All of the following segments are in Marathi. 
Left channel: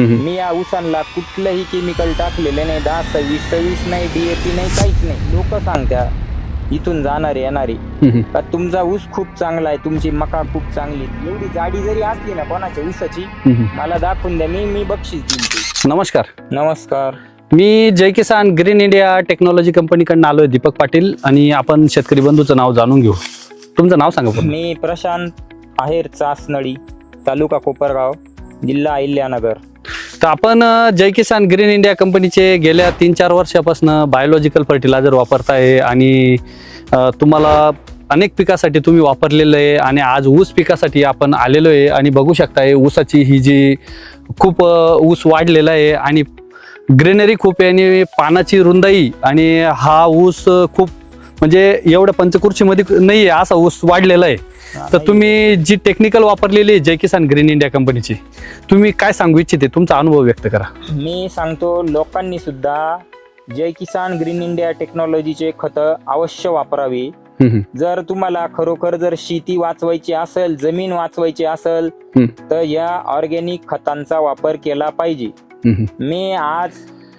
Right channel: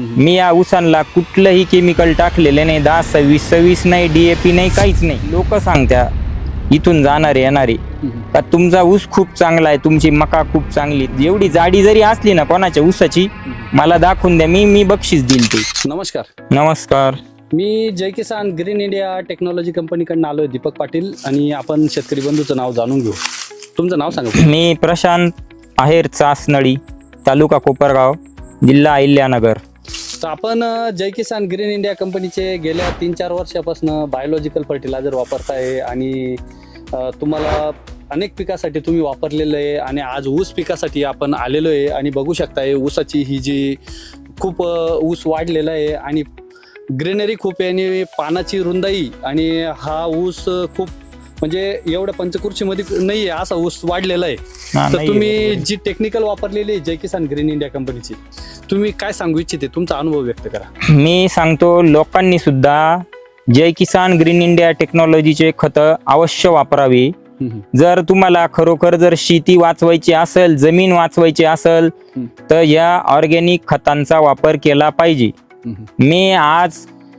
मी या ऊसांना कुठलंही केमिकल टाकलेलं नाही. दहा सव्वीस सव्वीस नाही डीएपी नाही काहीच नाही. लोक सांगत्या इथून जाणारे येणारे. का तुमचा ऊस खूप चांगला आहे तुमची मका खूप चांगली एवढी जाडी जरी असली ना कोणाच्या ऊसाची मला दाखवून द्या मी मी बक्षीस देईल ते. नमस्कार. नमस्कार. मी Jai Kisan green India technology कंपनीकडून आलोय दीपक पाटील आणि आपण शेतकरी बंधूचं नाव जाणून घेऊ. तुमचं नाव सांगा मी प्रशांत आहेर चासनळी तालुका कोपरगाव जिल्हा अहिल्यानगर. आपण अं, जय किसान ग्रीन इंडिया कंपनीचे गेल्या तीन चार वर्षापासून बायोलॉजिकल फर्टिलायझर वापरताय आणि तुम्हाला अनेक पिकासाठी तुम्ही वापरलेलं आहे आणि आज ऊस पिकासाठी आपण आलेलो आहे आणि बघू शकताय ऊसाची ही जी खूप ऊस वाढलेला आहे आणि ग्रीनरी खूप आहे आणि पानाची रुंदाई आणि हा ऊस खूप म्हणजे एवढ्या पंचकृषीमध्ये नाही आहे असा ऊस वाढलेला आहे. तर तुम्ही जी टेक्निकल वापरलेली आहे जय किसान ग्रीन इंडिया कंपनीची तुम्ही काय सांगू इच्छिते? तुमचा अनुभव व्यक्त करा. मी सांगतो लोकांनी सुद्धा जय किसान ग्रीन इंडिया टेक्नॉलॉजीचे खतं अवश्य वापरावी. जर तुम्हाला खरोखर जर शेती वाचवायची असेल जमीन वाचवायची असेल. तर या ऑर्गॅनिक खतांचा वापर केला पाहिजे. मी आज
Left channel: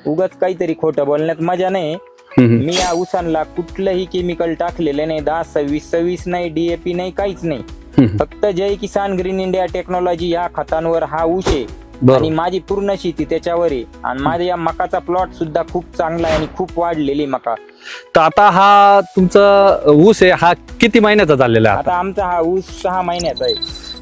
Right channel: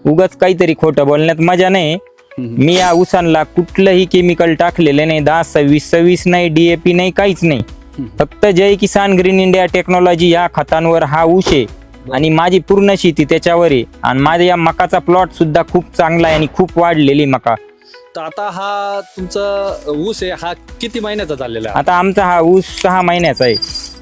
उगाच काहीतरी खोटं बोलण्यात मजा नाही. मी या ऊसांना कुठलंही केमिकल टाकलेलं नाही. दहा सव्वीस सव्वीस नाही डीएपी नाही काहीच नाही. फक्त Jai Kisan green India technology या खतांवर हा ऊस आहे. आणि माझी पूर्ण शेती त्याच्यावर आहे. आणि माझ्या या मकाचा प्लॉट सुद्धा खूप चांगला आहे आणि खूप वाढलेली मका. तर आता हा तुमचा ऊस आहे. हा किती महिन्याचा झालेला आहे? आता आमचा हा ऊस सहा महिन्याचा आहे.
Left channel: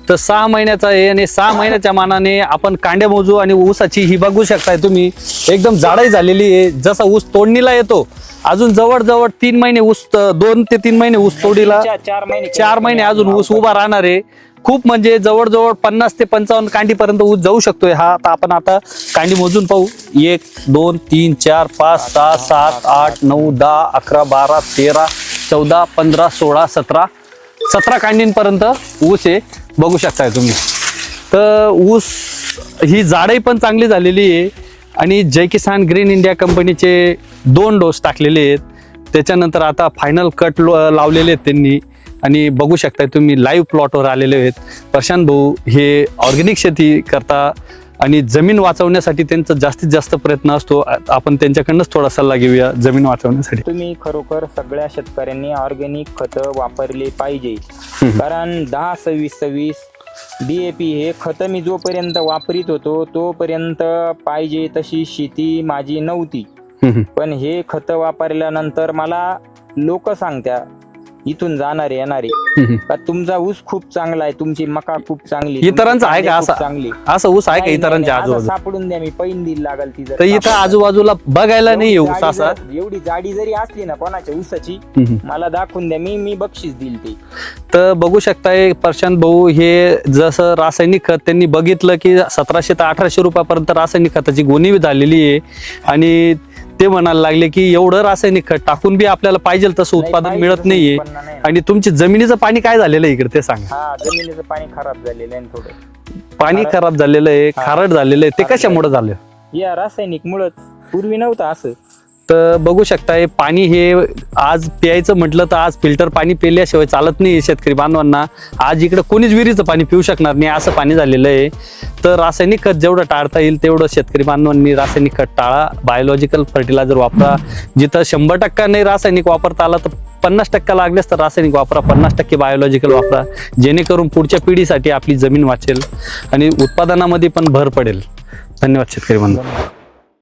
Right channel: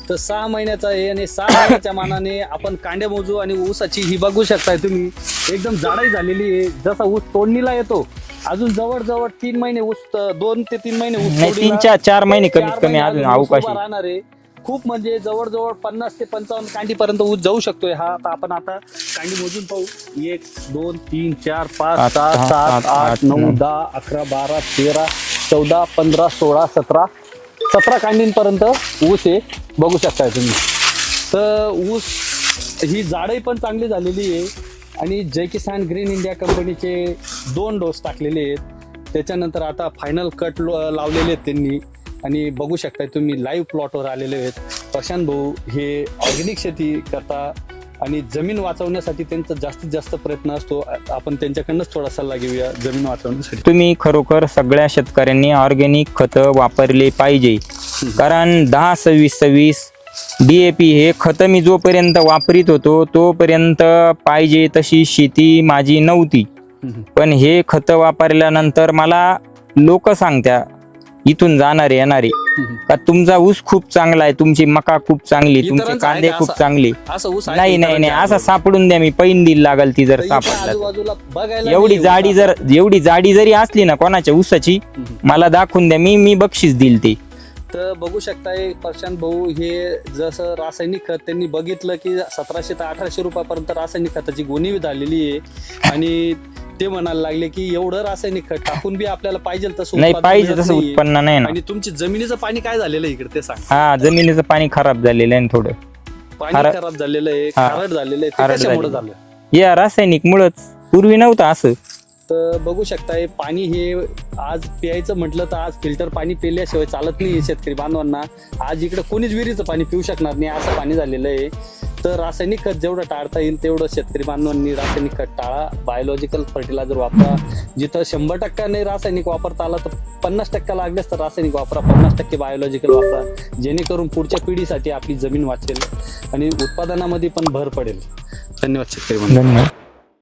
तर सहा महिन्याचा आहे आणि सहा महिन्याच्या मानाने आपण कांड्या मोजू आणि ऊसाची ही बघू शकताय तुम्ही. एकदम जाडाई झालेली आहे. जसा ऊस तोडणीला येतो अजून जवळ जवळ तीन महिने ऊस दोन ते तीन महिने ऊस तोडीला चार- महिने चार महिने अजून ऊस उभा. राहणार आहे. खूप म्हणजे जवळजवळ पन्नास ते पंचावन्न कांडीपर्यंत ऊस जाऊ शकतोय हा. आता आपण आता कांडी मोजून पाहू. एक दोन तीन चार पाच सहा सात आठ, नऊ. दहा अकरा बारा तेरा चौदा पंधरा सोळा सतरा सतरा कांडींपर्यंत ऊस हे बघू शकताय तुम्ही. तर ऊस ही जाडही पण चांगली झालेली आहे. आणि जय किसान ग्रीन इंडिया कंपनीचे दोन डोस टाकलेले आहेत. त्याच्यानंतर आता फायनल कट लावलेले आहेत त्यांनी. आणि बघू शकताय तुम्ही लाईव्ह प्लॉटवर आलेले आहेत. प्रशांत भाऊ हे ऑर्गॅनिक शेती करता आणि जमीन वाचवण्यासाठी त्यांचा जास्तीत जास्त प्रयत्न असतो. आपण त्यांच्याकडनंच थोडा सल्ला घेऊया जमीन वाचवण्यासाठी. तुम्ही खरोखर सगळ्या शेतकऱ्यांनी ऑर्गॅनिक खतं वापरले पाहिजे. कारण दहा सव्वीस सव्वीस डीएपी हे खतं मी जोपर्यंत वापरीत होतो तोपर्यंत पाहिजे तशी शेती माझी नव्हती. पण हे खतं वापरल्यानंतर मला लोक सांगत्या इथून जाणारे येणारे का तुमचा ऊस खूप चांगला आहे तुमची मका खूप चांगली तुमचे इतरांचं आहे कांदे का खूप असं? चांगली असं ऊस आहे का नाही नाही नाही, इतरांच्या असं आजूबाजूला? सापडून द्या मी पैन दिल लागल ती तर जर इथं सापडलं. आजूबाजूला बघायला नाही एवढी येऊ जाडी असा. जर एवढी जाडी जरी असली ना कोणाच्या ऊसाची हम्म. मला दाखवून द्या मी मी बक्षीस देईल ते तर बघू शकताय प्रशांत भाऊ हे जसं रासायनिक खत त्यांनी बघितलं की सतराशे ते अठराशे रुपयापर्यंत रासायनिक खताची गोणी झालेली आहे आणि ते म्हणायला लागले की एवढं रासायनिक खत टाकून बी आपल्याला पाहिजे तसं नाही उत्पादन पाहिजे मिळत तसं नाहीये. उत्पन्न नाही ना. आणि तुमची जमिनीचं पाणी काय झालेलं आहे इकडे ते सांग. हा जमिनीचं पाणी खराब झालेलं आहे ना थोडं. पाणी खारट- खराब झालेलं आहे हा. खारट झालेलं आहे ते खारट कशामुळे झालं? या रासायनिक मुळच पूर्वी नव्हतं असं. तर बघू शकताय पाणी हे आज प्यायचं म्हटलं तर आज फिल्टर पाणी पिल्याशिवाय चालत नाही शेतकरी बांधवांना. आज इकडे कोणीच विहिरीचं पाणी पिऊ शकणार नाही असं पाणी झालेलं आहे. तर रासायनिक खत जेवढं टाळता येईल तेवढं शेतकरी बांधवांनी रासायनिक खत टाळा. बायोलॉजिकल फर्टिलायझर वापरा. जिथं शंभर टक्का नाही रासायनिक वापरता आला तर पन्नास टक्का लागल्यास तर रासायनिक वापरा. पन्नास टक्के बायोलॉजिकल वापरा. जेणेकरून पुढच्या पिढीसाठी आपली जमीन वाचेल आणि उत्पादनामध्ये पण भर पडेल. धन्यवाद शेतकरी बांधवांना.